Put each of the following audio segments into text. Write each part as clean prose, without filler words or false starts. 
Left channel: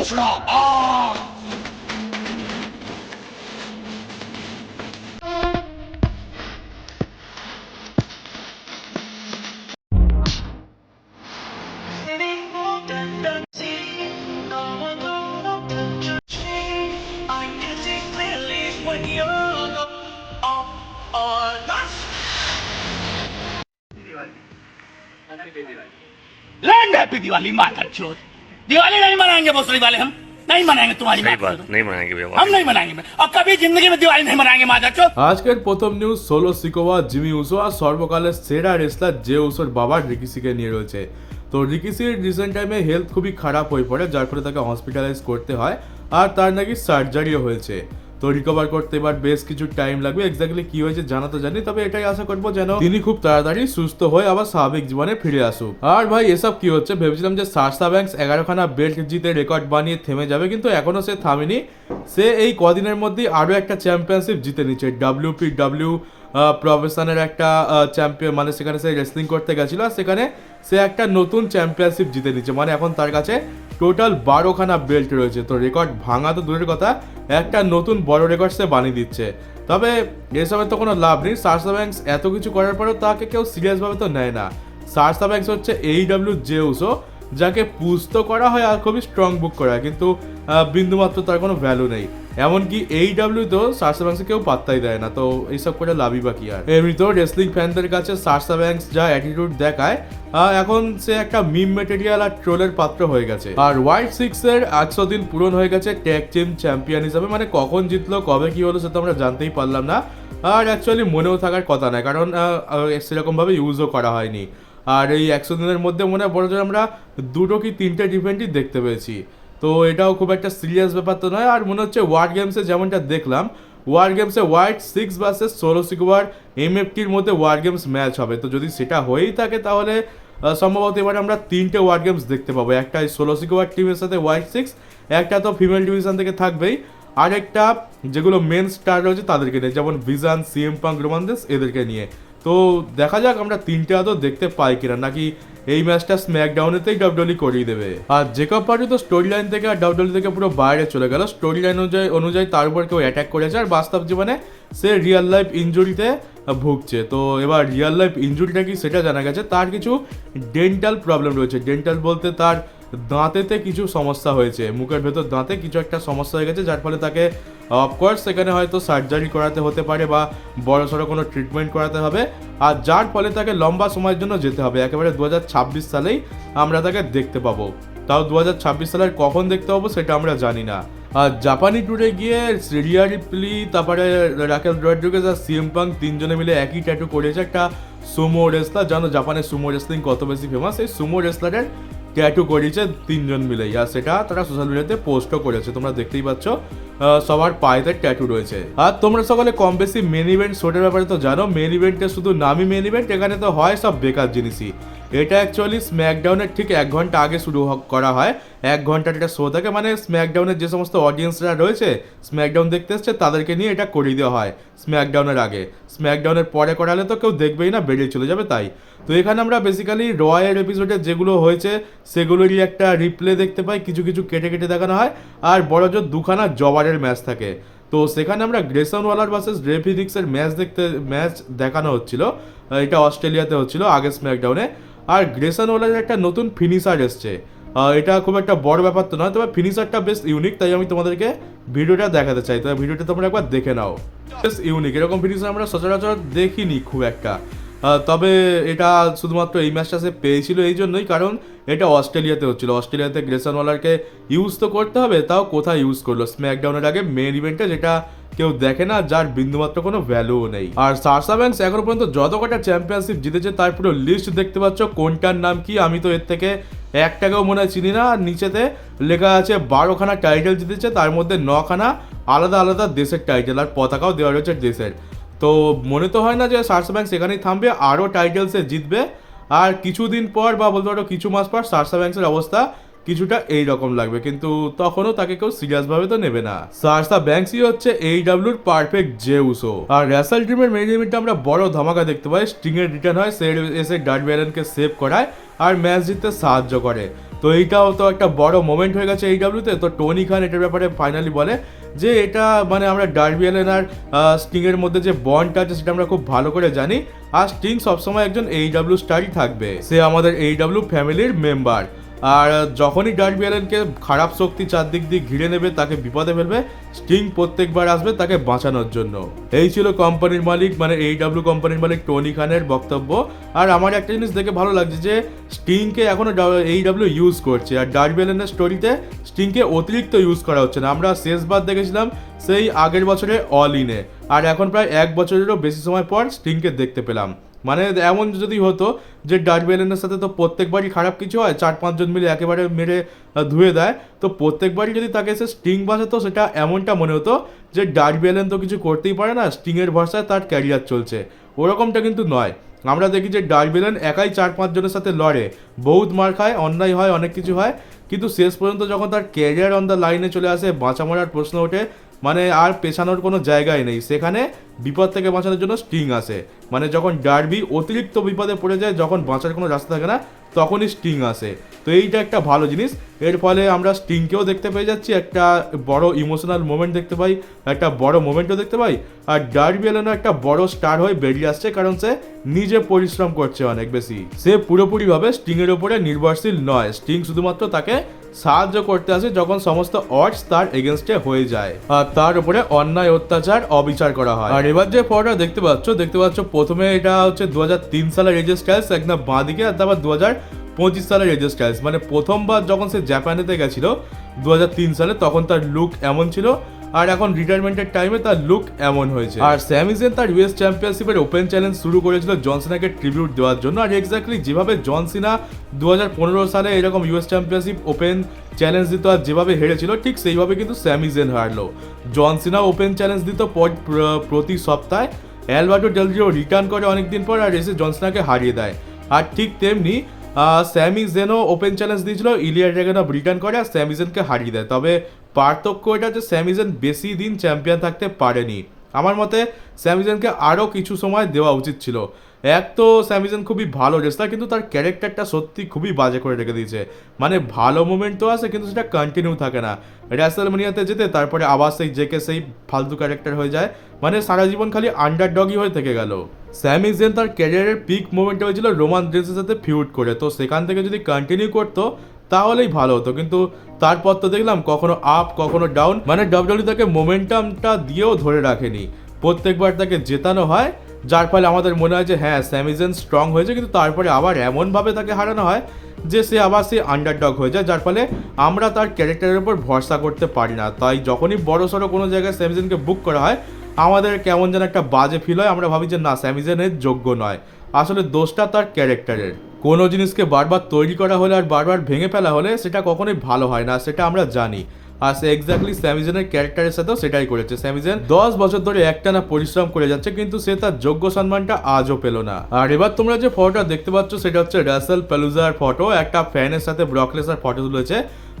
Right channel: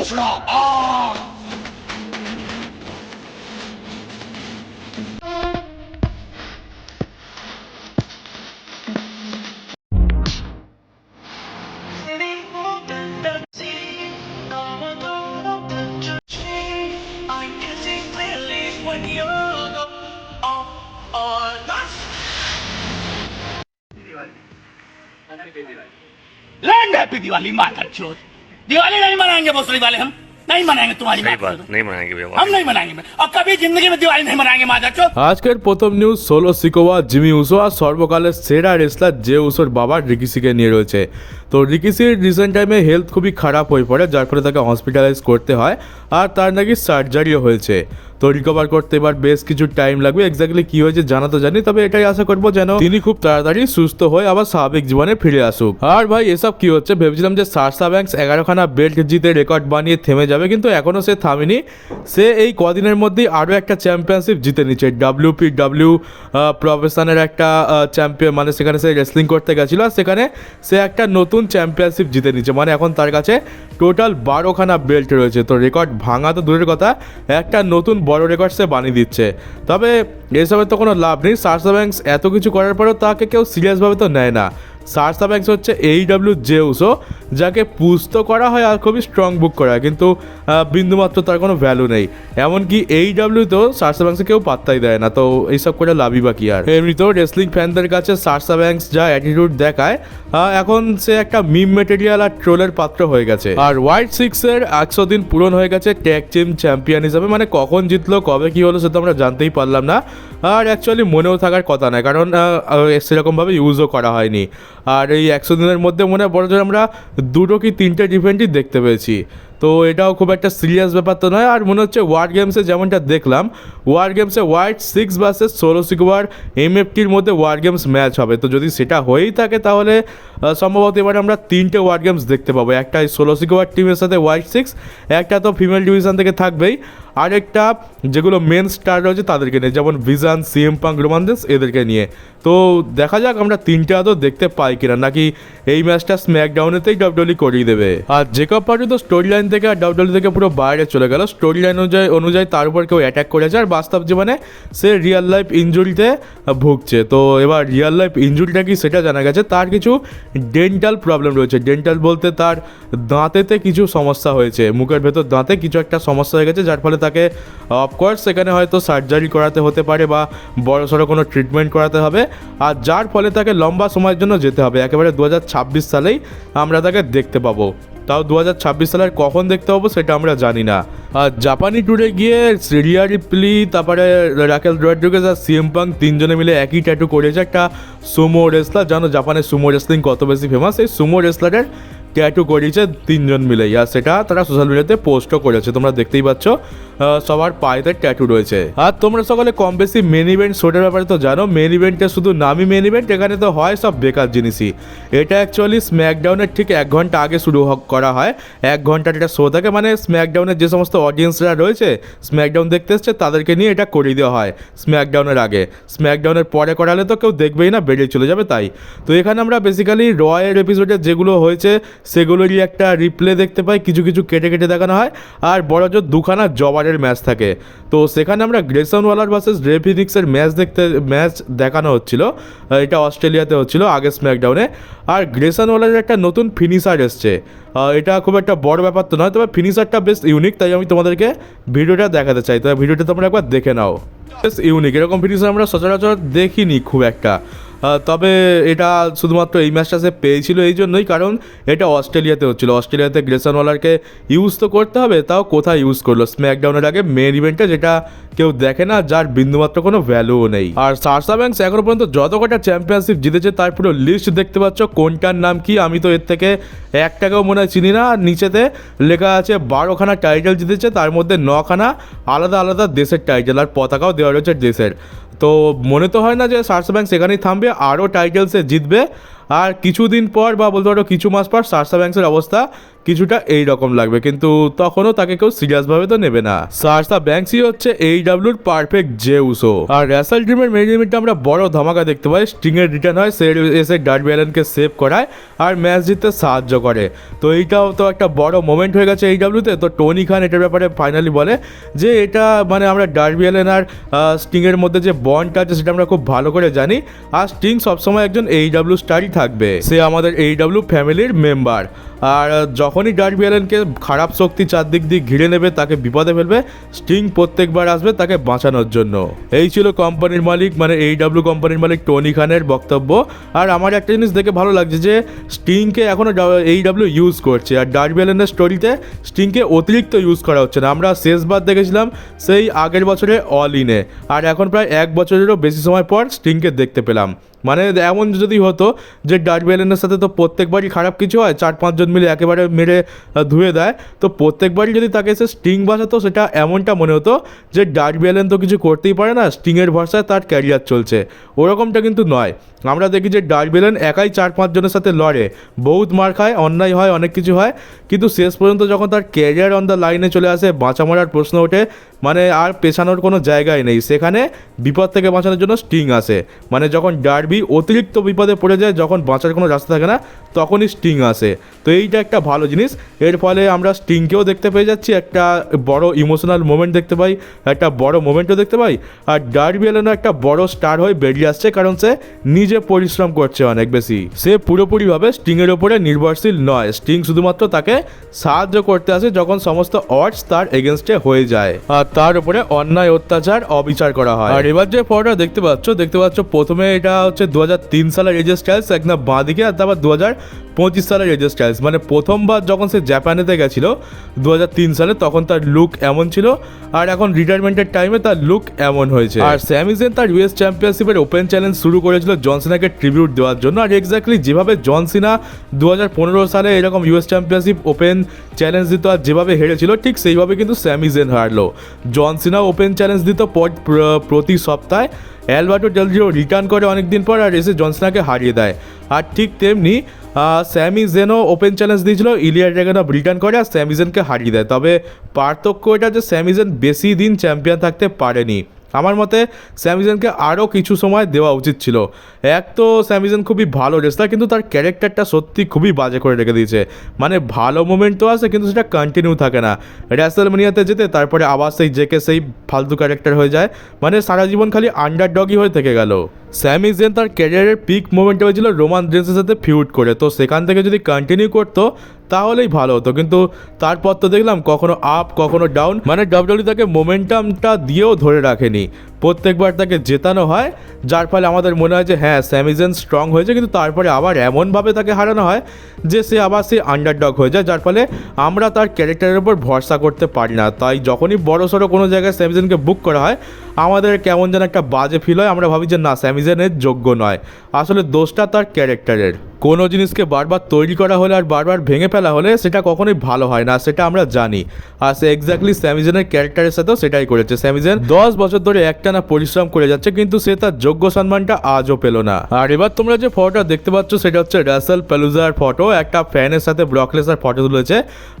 हौसला land happy Diwali माता चोद। दिवाली नहीं मनाएंगे भोसड़ी वाले, हम नहीं मनाएंगे तुम्हारी सही बात बात, करो। नहीं मनाएंगे भैया, हम नहीं मनाएंगे और कभी जिंदगी में दिवाली नहीं मनाएंगे माता चोद। আজকের প্রথম news Solo Sikoa Jimmy Uso আর সর্বকালের সেরা রেসলার জে উসোর বাবা রিকিসিকে নিয়ে রয়েছে। তো রিকিসির রিসেন্ট টাইমে হেলথ খুবই খারাপ হয়ে পড়ে, যার ফলে তাকে হসপিটালাইজ করতে হয় আর তার নাকি সার্জারিও হয়েছে। তো রিকভার করতে এবার বেশ কিছু টাইম লাগবে। এক্স্যাক্টলি কি হয়েছে জানা তো জানি, তবে এটাই আশা করবো যেন তিনি খুব তাড়াতাড়ি সুস্থ হয়ে আবার স্বাভাবিক জীবনে ফিরে আসুক। আর ভাই এসব কি হচ্ছে, ভেবেছিলাম যে সারসা ব্যাংকস 11খানা বেল্ট জিতে রেকর্ড বানিয়ে থেমে যাবে, কিন্তু এখনো সে থামেনি। সে এই কদিনের মধ্যেই আরও একটা চ্যাম্পিয়নশিপ জিতে নিচ্ছে। WPW প্রফেশনের একটা চ্যাম্পিয়ন, মানে সেখানে সে রেসলিং করতে গেছিলো আর সেখানে সে একটা নতুন চ্যাম্পিয়নশিপ জিতে নিচ্ছে। মানে এখন তার কাছে টোটাল 12খানা বেল্ট রয়েছে। তো রেকর্ড ভাঙা তো দূরের কথা, একটা নতুন বড় রেকর্ড সে বানিয়ে দিচ্ছে। তবে এসবের তো কোনো লাভ নেই। সারসা ব্যাংকস এত কিছু করার পরেও তাকে কেউ সিরিয়াসভাবে তো নেয় না। সারসা ব্যাংকস হচ্ছে AEW জে উসো, যাকে পুশ তো করা হয় আর খুবই স্ট্রং বুক করা হয়, কিন্তু বিন্দুমাত্র তার কোনো ভ্যালু নেই। এমনকি AEW তো সারসা ব্যাংকসে কেউ পাত্তাই দেয় না। তো এইসব করে লাভই বা কি আর। এমনিতেও রেসলিং ফ্যানদের কাছে সারসা ব্যাংকস যা অ্যাটিটিউড দেখায়, এখন সে একটা মিম মেটেরিয়াল আর ট্রোলের পাত্র হয়ে গেছে। আর হোয়াইট সিক্সের 100 দিন পূরণ হয়ে গেছে ট্যাগ টিম চ্যাম্পিয়ন হিসাবে। মানে কখন জিতলো কবে কি হলো সেটা আমরা জানতেই পারলাম না, আর অ্যাকচুয়ালি মনেও থাকার কথা নয়, কারণ সেরকমভাবে ইউজও করা হয়নি। আর এই 100 দিনের মধ্যে মনে হয় বড় জোর আমরা 2টো কি 3টে ইভেন্টই দেখতে পেয়েছি। তো এটাও খুব একটা সিরিয়াস ব্যাপার তো নয়। আর মনে হচ্ছে ওয়ার গেমসে যেমনটা দেখলাম, ওয়ার গেমসে হোয়াইট সিক্স ভার্সেস সোলো সিকোয়ার MFTর মধ্যে ওয়ার গেমস ম্যাচ হবে। তো যদি সেটা হয়েই থাকে তাহলে সম্ভবত এবার আমরা 3টে ওয়ার গেমস দেখতে পাবো। একটা সোলো সিকোয়ার টিমের সাথে হোয়াইট সিক্স, একটা তো ফিমেল ডিভিশন থেকে থাকবেই, আরেকটা যেগুলো মেন স্টার রয়েছে তাদেরকে নিয়ে, যেমন ভিজান, CM পাঙ্ক, রোমান রেইন্স এদেরকে নিয়ে। তো দেখা যাক আমরা 3টে আদৌ দেখতে পাই কিনা, নাকি এই ম্যাচটা স্ম্যাকডাউনেতেই WWE করিয়ে দেবে। আর জেকব পার্টি তো স্টোরি লাইন থেকে আর WWE থেকে পুরো বাইরে চলে গেল। স্টোরি লাইন অনুযায়ী তার উপর কেউ অ্যাটাক করেছে আর বাস্তব জীবনে সে রিয়েল লাইফ ইনজুরিতে ভুগছে। তো এবার রিয়েল লাইফ ইনজুরিটা কি সেটা জানা গেছে। তার কিছু ডেন্টাল প্রবলেম রয়েছে। ডেন্টাল বলতে তার দাঁতেতে কিছু সমস্যা হয়েছে, মুখের ভেতর দাঁতে কিছু একটা সমস্যা হয়ে গেছে, যার ফলে তাকে অফকোর্স সেখানে হয়তো সার্জারি করাতে হতে পারে বা বড়সড় কোনো ট্রিটমেন্ট করাতে হবে, আর যার ফলে তাকে লম্বা সময়ের জন্য যেতে হবে। একেবারে 2026 সালেই আমরা তাকে দেখতে পাবো। তাও 2026 সালের কখন দেখতে পাবো সেটা আমরা জানি না। আর জাপানি ট্যুরে গিয়ে রিয়া রিপ্লি, তারপরে রাকেল রড্রিগেজ আর CM পাঙ্ক 3জনে মিলে একই ট্যাটু করেছে। একটা সুমো রেসলার, জানো জাপানের সুমো রেসলিং কত বেশি ফেমাস, এই সুমো রেসলারের ট্যাটু করিয়েছে 3জন মিলেই। আর সেটা তারা সোশ্যাল মিডিয়াতে পোস্টও করেছে, তোমরা দেখতেই পাচ্ছ সবার পায়েতে ট্যাটু রয়েছে। আর তোমরা সকলে কম বেশি মেন ইভেন্ট শোটার ব্যাপারে তো জানো, মেন ইভেন্টে শুধু নামই মেন ইভেন্ট, এখানে তো হয় সব বেকার জিনিসই। এটা অ্যাকচুয়ালি স্ম্যাকডাউনের ঠিক 1 ঘন্টা আগে শুরু করা হয়। 1 ঘন্টার একটা শো থাকে, মানে স্ম্যাকডাউনের যে সমস্ত অডিয়েন্সরা রয়েছে স্ম্যাকডাউন দেখতে এসছে তাদেরকে নিয়ে এটা করিয়ে দেওয়া হয় স্ম্যাকডাউনের আগে। স্ম্যাকডাউনের পরে করালে তো কেউ দেখবেই না, বেরিয়ে চলে যাবে তাই। তো এখানে আমরা বেসিক্যালি রয়ের এপিসোডে যেগুলো হয়েছে সেগুলোরই একটা রিপ্লে দেখতে পাই, কিছু কিছু কেটে কেটে দেখানো হয়। আর বড় জোর 2খানা জবারের ম্যাচ থাকে। তো সেখানে আমরা গ্রেসন ওয়ালার ভার্সেস রে ফিনিক্সের ম্যাচ দেখানো হচ্ছিল। এটা অস্ট্রেলিয়াতে হচ্ছিল আগে স্ম্যাকডাউনে। আর গ্রেসন ওয়ালারের একটা নতুন ফিনিশার এসছে। এটা খুব একটা বড় ব্যাপার তো নয়, তবে ফিনিশারটা বেশ ইউনিক, তাই আমি তোমাদেরকে ভিডিওটা দেখাতে চাই। তবে ভিডিওটা তোমরা একবার দেখে নাও, বেশ ইউনিক। এরকম ফিনিশার আমরা সচরাচর দেখিনি খুব একটা। তবে এটা শুধুমাত্র এই ম্যাচটা সে পেয়েছিল এই জন্যই কারণ এটা অস্ট্রেলিয়াতে হচ্ছিল। অস্ট্রেলিয়াতে গ্রেসন ওয়ালারকে ইউজ তো করতে হবে, তাও কোথায় ইউজ করলো স্ম্যাকডাউনের আগে মেন ইভেন্টে, যেটা কেউ দেখে না, যার বিন্দুমাত্র কোনো ভ্যালুও নেই। আর সারসা ব্যাংকস এখনো পর্যন্ত যত কটা চ্যাম্পিয়নশিপ জিতেছে তার পুরো লিস্ট দেখতে পাচ্ছ, কোনটার নাম কি আমি তো এর থেকে একটাকেও মনে হয় চিনি না। আর নিচেতে লেখা আছে 12খানা টাইটেল জিতেছে, তার মধ্যে 9খানা আলাদা আলাদা দেশের টাইটেল, আর পতাকাও দেওয়া রয়েছে দেশের। তো মনে তো হয় না যে সারসা ব্যাংকস সেখানেই থামবে, আরও টাইটেলসে জিতবে। আর কিছুদিন পর বা বলতে পারো কিছু মাস পর সারসা ব্যাংকসের অবস্থা কিছুটা এই রকম লাগবে, কিন্তু তখনও তাকে কেউ সিরিয়াসভাবে তো নেবে না। সার্সা ব্যাংকসি হচ্ছে AEWর পারফেক্ট জে উসো। আর রেসেল ড্রিমের মেইন ইভেন্টে আমরা বড় ধামাকা দেখতে পাই। স্টিং এর রিটার্ন হয়, সে এসে ডার্বি অ্যালেনকে সেভ করায় আর ম্যাচ জিততে সাহায্য করে। তো এইটাও তো একটা বড় মোমেন্ট হয়ে গেছে AEWতে। তো টনি খান এটার ব্যাপারে ফাইনালি বলে যে এটা মানে আমরা ডার্বি অ্যালেন আর স্টিংয়ের মধ্যে যে বন্ডটা আছে সেটা আমরা খুব ভালো করে জানি, আর স্টিং সবসময় একজন AEW স্টারই থাকবে, সে আমাদের AEW ফ্যামিলির মেম্বার। আর যখনই ডার্বি অ্যালেনকে খারাপ শক্তি চারদিক দিয়ে ঘিরে নেবে, তাকে বিপদে ফেলবে, স্টিং প্রত্যেকবার আসবে তাকে বাঁচানোর জন্য। এই ছিল কোম্পানির মালিক মানে AEW কোম্পানির মালিক টনি খানের বক্তব্য। আর আমার একটা জিনিস দেখে ভালো লাগছে যে স্টিংকে এখনও AEW ইউজ করছে, আর ডার্বি অ্যালেনের স্টোরিতে স্টিংকে অতিরিক্ত ইউজ করা হচ্ছে না। আমরা শেষবার দেখেছিলাম সেই আগের বছরে অল ইনে, আর এখন প্রায় 1 বছরেরও বেশি সময় পর স্টিংকে দেখতে পেলাম। মানে এমন যদি হতো যে ডার্বি অ্যালেনের সাথে তো প্রত্যেকবারই খারাপ কিছু হয়, 4-5 জন মিলে একেবারে মেরে ধুয়ে দেয়, তো প্রত্যেকবারই যদি তাকে এসে স্টিং বাঁচাতো সেটা এমনটা মনে হতো যে ডার্বি অ্যালেন তো কিছু করতেই পারে না, স্টিংয়ের ভরসায় তার ক্যারিয়ার চলছে। ওরকমটা কিন্তু নয়। আমরা দেখি যে ডার্বি অ্যালেন একাই 4-5 জনের সাথে লড়ে, বহুত মার খায়, অন্যায় হয়, অনেক কিছু হয়, কিন্তু শেষ পর্যন্ত যখন তার ক্যারিয়ার অন দ্য লাইনে চলে আসে, বাঁচা মরার প্রশ্ন ওঠে, মানে আর পেছানোর কোনো জায়গায় নেই, সেখানে বিপদ থেকে বাঁচানোর জন্য স্টিং আসে। মানে যখন ডার্বি অতিরিক্ত বিপদে পড়ে যায়, যখন বাঁচার কোনো রাস্তা থাকে না, তখনই স্টিং আসে। তো এইটা একটা ভালো জিনিস। এর ফলে আমরা স্টিংকেও দেখতে পেয়ে যাচ্ছি, একটা বড় ইমোশনাল মোমেন্ট দেখতে পাই, একটা বড় মোমেন্টও দেখতে পাই। আর ডার্বি অ্যালেনও একটা বড় স্টার হয়ে বেরিয়ে আসছে, কারণ সে নিজে পরিশ্রম করছে অনেক বেশি। সে পুরোপুরিভাবে স্টিংয়ের ওপরে নির্ভরশীল নয়, স্টিং শুধুমাত্র তাকে সাহায্য করতে আসে যখন সমস্ত অডস তার এগেনস্টে হয়ে যায় আর তার উপরে অন্যায় অত্যাচার অবিচার করা হয়। আর এবার যে ফটোটা দেখতে পাচ্ছ প্রথমে এটা হচ্ছে 2003 সালের এজে স্টাইলস একদম বাঁ দিকে, আর তারপর 2025 সালের এজে স্টাইলস। মানে প্রথমবার যখন সে জাপানেতে গেছিল 2003 সালে, তখন তার লুক এমন ছিল, আর এখন রিটায়ারমেন্টের টাইমে তার লুক এমন হয়েছে। আর স্যামি জেন তার US চ্যাম্পিয়নশিপের ওপেন চ্যালেঞ্জ শুরু করেছিল জন সিনাকে ট্রিবিউট দেওয়ার জন্য। আর এক্স্যাক্টলি যেভাবে জন সিনা 2015 সালে এরকম US চ্যাম্পিয়নশিপ ওপেন চ্যালেঞ্জ দিত আর যেভাবে হেরেছিল, ঠিক সেইভাবে কিন্তু স্যামি জেন হারলো। জন সিনা ওপেন চ্যালেঞ্জ দিত প্রতি সপ্তাহে, অ্যালবার্টো ডেল রিও রিটার্ন করে অনেকদিন পর আর এসে জন সিনাকে হারিয়ে দেয়। আর ঠিক তেমনি স্যামি জেনও ওপেন চ্যালেঞ্জ দিয়েছিল, ইলিয়া ড্রাগুনভ রিটার্ন করে আর স্যামি জেনকে হারিয়ে দেয়। তবে পার্থক্য এটা যে স্যামি জেন বেশি দিন চ্যাম্পিয়ন থাকতে পারেনি। আমার মতে স্যামি জেনকে আরও কিছু সময় দেওয়া উচিত ছিল। এক তো স্যামি জেন খুবই ভালো রেসলার, কিন্তু তার ক্যারেক্টারটা সত্যি খুবই বাজে করে রেখে দিয়েছে। মানে ভালো মোমেন্ট তো আছে, কিন্তু সেটা কন্টিনিউ থাকে না। রেসলম্যানিয়াতে যেতে তারপরে আবার সেই ফালতু ক্যারেক্টার হয়ে যায়, মানে সারা জীবন খালি আন্ডারডগই হয়ে থেকে গেল। স্যামি জেন তার ক্যারিয়ারের পিক মোমেন্টে হয়েছিল রোমান রেন্সের সাথে ফিউড করে, তো সেখান থেকে যদি কন্টিনিউ করতো তাহলেই ভালো হতো, কিন্তু তারপর তো দেখলাম কখনো আপ কখনো ডাউন, মানে WWE তাকে মোমেন্টামটা দিয়েও ধরে রাখেনি। প্রত্যেকবার তাকে জেতানো হয়, যার ফলে আমাদের মনে হয় যে হ্যাঁ স্যামি জেন স্ট্রং হয়েছে, কিন্তু তারপরে আবার এমনভাবে তাকে হারানো হয় যে সে আবার সেই আন্ডারডগ হয়ে যায়, যার ফলে আমরা তার ক্যারেক্টারের উপর ভরসা করতে পারি না। তাই যখনই বড় সড়ো কোনো জায়গায় স্যামি জেনকে বুক করা হয়, আমাদের কেমন যেন একটা বাজে ফিল হয়, আমরা ভাবি যে না স্যামি জেনের যোগ্য নয়। আসলে দোষটা তার ক্যারেক্টারের। কোনো জিনিসকে বারবার তৈরি করা হলে আর বারবার ভেঙে ফেলা হলে সেটা কখনোই ভালো হয় না, সেটা আমরা জানি। আর সে এক্স্যাক্টলি স্যামি জেনের ক্যারেক্টারের সাথেও সেটাই করেছে। স্যামি জেন 10 বছর ধরে একটানা পরিশ্রম করে যাচ্ছে, কিন্তু সে তার যোগ্য সম্মানটা আজও পেল না। আর এবার তোমরা যে ফটোটা দেখতে পাচ্ছ সেটা হচ্ছে রাসেল পেলুজার ফটো। একটা ফ্যানের সাথে ব্রক লেসনার ফটো তুলেছে,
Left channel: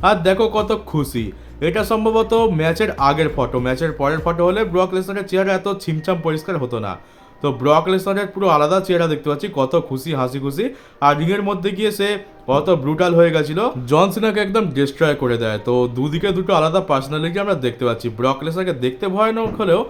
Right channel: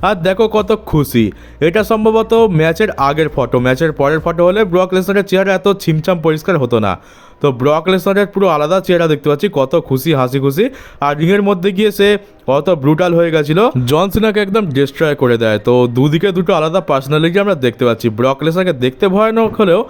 আর দেখো কত খুশি। এটা সম্ভবত ম্যাচের আগের ফটো, ম্যাচের পরের ফটো হলে ব্রক লেসনারের চেহারা এত ছিমছাম পরিষ্কার হতো না। তো ব্রক লেসনারের পুরো আলাদা চেহারা দেখতে পাচ্ছি, কত খুশি, হাসি খুশি। আর রিংয়ের মধ্যে গিয়ে সে কত ব্রুটাল হয়ে গেছিল, জন সিনাকে একদম ডিস্ট্রয় করে দেয়। তো দুদিকে দুটো আলাদা পার্সোনালিটি আমরা দেখতে পাচ্ছি। ব্রক লেসনারকে দেখতে ভয়ানক হলেও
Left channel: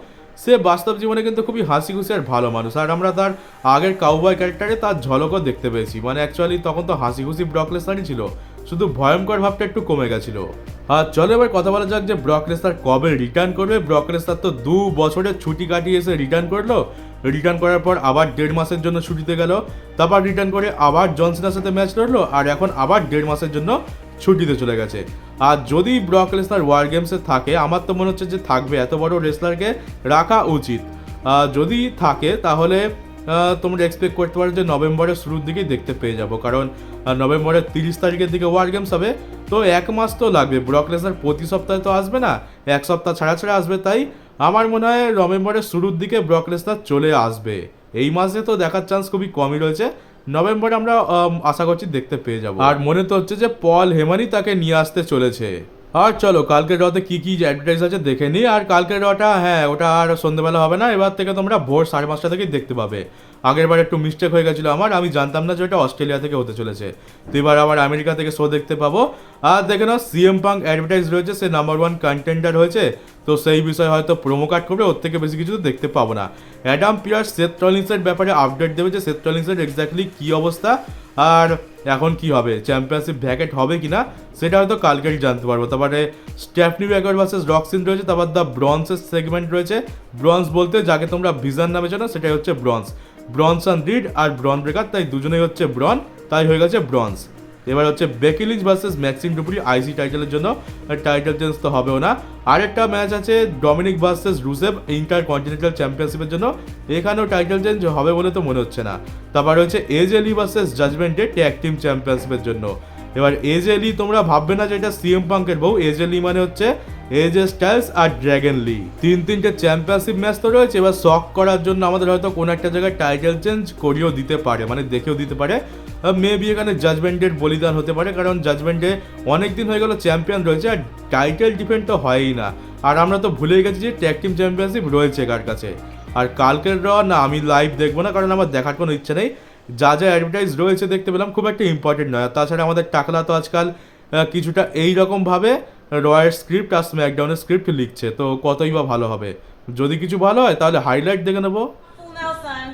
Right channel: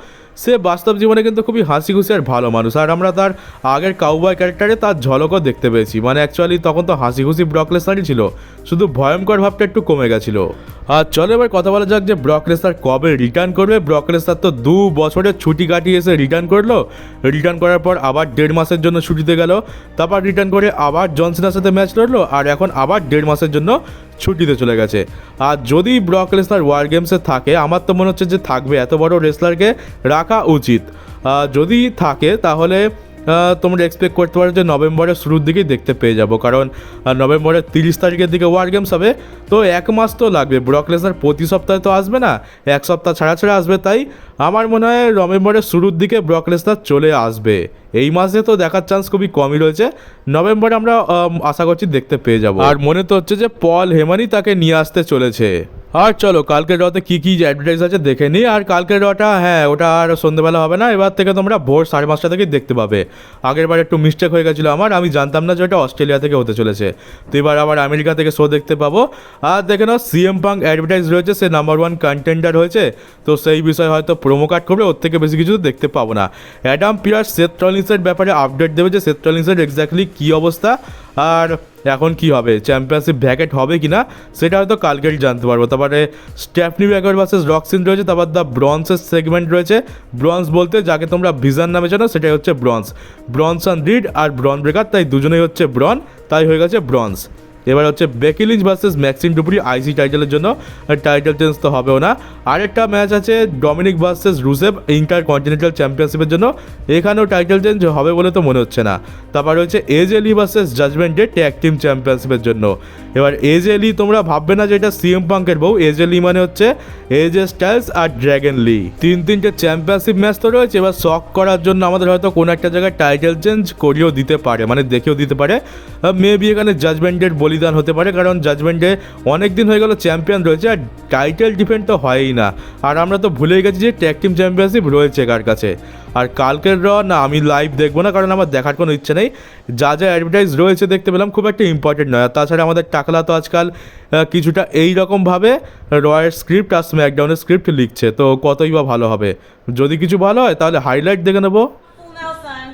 সে বাস্তব জীবনে কিন্তু খুবই হাসি খুশি আর ভালো মানুষ। আর আমরা তার আগের কাউবয় ক্যারেক্টারে তার ঝলকও দেখতে পেয়েছি। মানে অ্যাকচুয়ালি তখন তো হাসি খুশি ব্রক লেসনারই ছিল, শুধু ভয়ঙ্কর ভাবটা একটু কমে গেছিলো। আর চলো এবার কথা বলা যাক যে ব্রক লেসনার কবে রিটার্ন করবে। ব্রক লেসনার তো 2 বছরের ছুটি কাটিয়ে এসে রিটার্ন করলো, রিটার্ন করার পর আবার 1.5 মাসের জন্য ছুটিতে গেল, তারপর রিটার্ন করে আবার জন সিনার সাথে ম্যাচ লড়লো, আর এখন আবার 1.5 মাসের জন্য ছুটিতে চলে গেছে। আর যদি ব্রক লেসনার ওয়ার গেমসে থাকে, আমার তো মনে হচ্ছে যে থাকবে, এত বড় রেসলারকে রাখা উচিত। যদি থাকে তাহলে তোমরা এক্সপেক্ট করতে পারো যে নভেম্বরের শুরুর দিকেই দেখতে পেয়ে যাবো, কারণ নভেম্বরের 30 তারিখের দিকে ওয়ার গেমস হবে, তো 1 মাস তো লাগবে। ব্রক লেসনার প্রতি সপ্তাহে তো আসবে না, 1 সপ্তাহ ছাড়া ছাড়া আসবে, তাই আমার মনে হয় নভেম্বরের শুরুর দিকে ব্রক লেসনার চলে আসবে। এই মাসে তো দেখার চান্স খুবই কমই রয়েছে, নভেম্বরে আমরা আশা করছি দেখতে পেয়ে যাবো। আর মনে তো হচ্ছে যে পল হেমানই তাকে নিয়ে আসতে চলেছে। আর চলো কালকের রতে কী কী অ্যাডভার্টাইজ আছে দেখে নিই। আর কালকের রটা, হ্যাঁ, ওটা আর সন্ধ্যেবেলা হবে না, এবার থেকে তোমরা ভোর 5:30 থেকেই দেখতে পাবে। আগের বার একটু মিস্টেক হয়ে গেছিলো আমার, আমি জানতাম না যে ওটা অস্ট্রেলিয়া থেকে হতে চলেছে, তো এবার আবার আমেরিকা থেকে শো দেখতে পাবো। আর দেখে নাও সিএম পাঙ্ক অ্যাডভার্টাইজ রয়েছে, সে নাম্বার 1 কন্টেন্ডার হয়েছে, তো সেই বিষয়ে হয়তো প্রোমো কার্ড করবে, ওর থেকে বেশি কিছু তো দেখতে পাবো না। অ্যাডাম পিয়ার্স সেথ রলিন্সের ব্যাপারে আপডেট দেবে যে সেথ রলিন্সের এক্স্যাক্টলি কী অবস্থা আর এখন কি হবে, চ্যাম্পিয়নশিপ ভ্যাকেট হবে কি না সেটা হয়তো কালকেই জানতে পারবো। তারপরে স্টেফনি ব্যাকার ভার্সেস রক্সিন রয়েছে, তারপর দ্য ব্রন্সের সেগমেন্ট রয়েছে। ব্রন্স বলতে যাকে তোমরা ভিজন নামে জানো সেটাই হচ্ছে ব্রনসন রিড আর ব্রন ব্রেকার, তাই দুজনেই হচ্ছে ব্রন, তাই হয়ে গেছে ব্রন্স। এবার হচ্ছে বেকি লিঞ্চ ভার্সেস ম্যাক্সিম ডুপ্রি আইসি টাইটেলের জন্য, টাইটেল চেঞ্জ তো হবেও না। আরেকটা ম্যাচ আছে ডমিনিক ভার্সেস রুসেভ ইন্টার কন্টিনেন্টাল চ্যাম্পিয়নশিপের জন্য, এখানেও টাইটেল চেঞ্জ হবে বলে তো মনে হচ্ছে না। তারপর হচ্ছে AJ Lee versus Judgment Day tag team চ্যাম্পিয়নশিপের জন্য। এবার এজে লি তোমরা ভাববে না যে এটা সিএম পাঙ্কের বউ, এজে লি মানে হচ্ছে এজে স্টাইলস আর ড্র্যাগন লি। তিনটে চ্যাম্পিয়নশিপ ম্যাচ তো রয়েছে, এবার শক করার জন্য আমাদের হয়তো কোনো একটা জায়গায় টাইটেল চেঞ্জ করিয়েও দিতে পারে, মানে দেখেও দিতে পারে। মেবি এখানে জাজমেন্টের বলিদান হতে পারে, কারণ জাজমেন্টে অনেক দিন হয়ে গেল চ্যাম্পিয়ন রয়েছে আর টাইটেল ডিফেন্ড তো হয়ই না, আর আমরা তো ভুলেই গেছি যে ট্যাগ টিম চ্যাম্পিয়নশিপ রয়েছে কার কাছে। আর কালকের না আমি লাইভ দেখবো না, কারণ আমার দেখার কোনো ইচ্ছে নেই। যা যা অ্যাডভার্টাইজ রয়েছে দেখতে পেলাম, খুব একটা ইম্পর্টেন্ট নয়। আর তাছাড়া আমাদের টাকলা তো আজকাল কিছুটা এইরকমভাবে রয়ের স্ক্রিপ্ট আর স্ম্যাকডাউনের স্ক্রিপ্ট লিখছে, তো কতই বা ভালো হবে। যদি কিছু ভালো হয় তাহলে হাইলাইট দেখে নেবো। Now, son.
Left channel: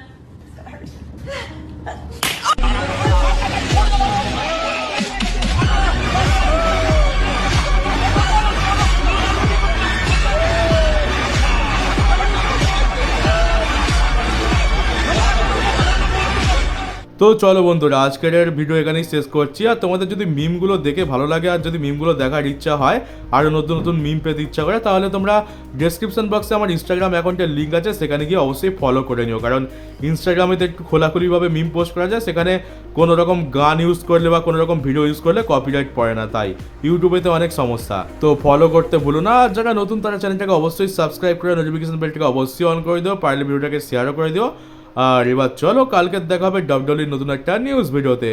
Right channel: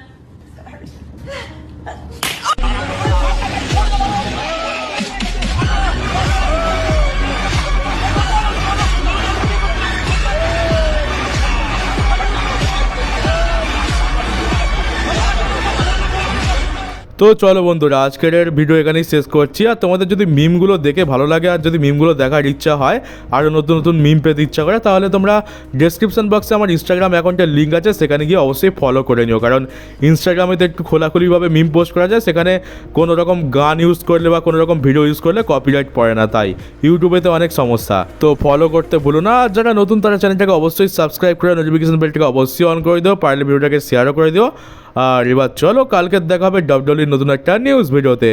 তো চলো বন্ধুরা, আজকের ভিডিও এখানেই শেষ করছি। আর তোমাদের যদি মিমগুলো দেখে ভালো লাগে আর যদি মিমগুলো দেখার ইচ্ছা হয়, আরও নতুন নতুন মিম পেতে ইচ্ছা করে, তাহলে তোমরা ডেসক্রিপশন বক্সে আমার ইনস্টাগ্রাম অ্যাকাউন্টের লিঙ্ক আছে, সেখানে গিয়ে অবশ্যই ফলো করে নিও। কারণ ইনস্টাগ্রামে তো একটু খোলাখুলিভাবে মিম পোস্ট করা যায়, সেখানে কোনো রকম গান ইউজ করলে বা কোনো রকম ভিডিও ইউজ করলে কপিরাইট পড়ে না, তাই ইউটিউবে তো অনেক সমস্যা। তো ফলো করতে ভুলো না, আর যারা নতুন তারা চ্যানেলটাকে অবশ্যই সাবস্ক্রাইব করে নোটিফিকেশন বেলটাকে অবশ্যই অন করে দিও, পারলে ভিডিওটাকে শেয়ারও করে দিও। আর এবার চলো কালকে দেখা হবে ডাব্লিউডব্লিউইর নতুন একটা নিউজ ভিডিওতে।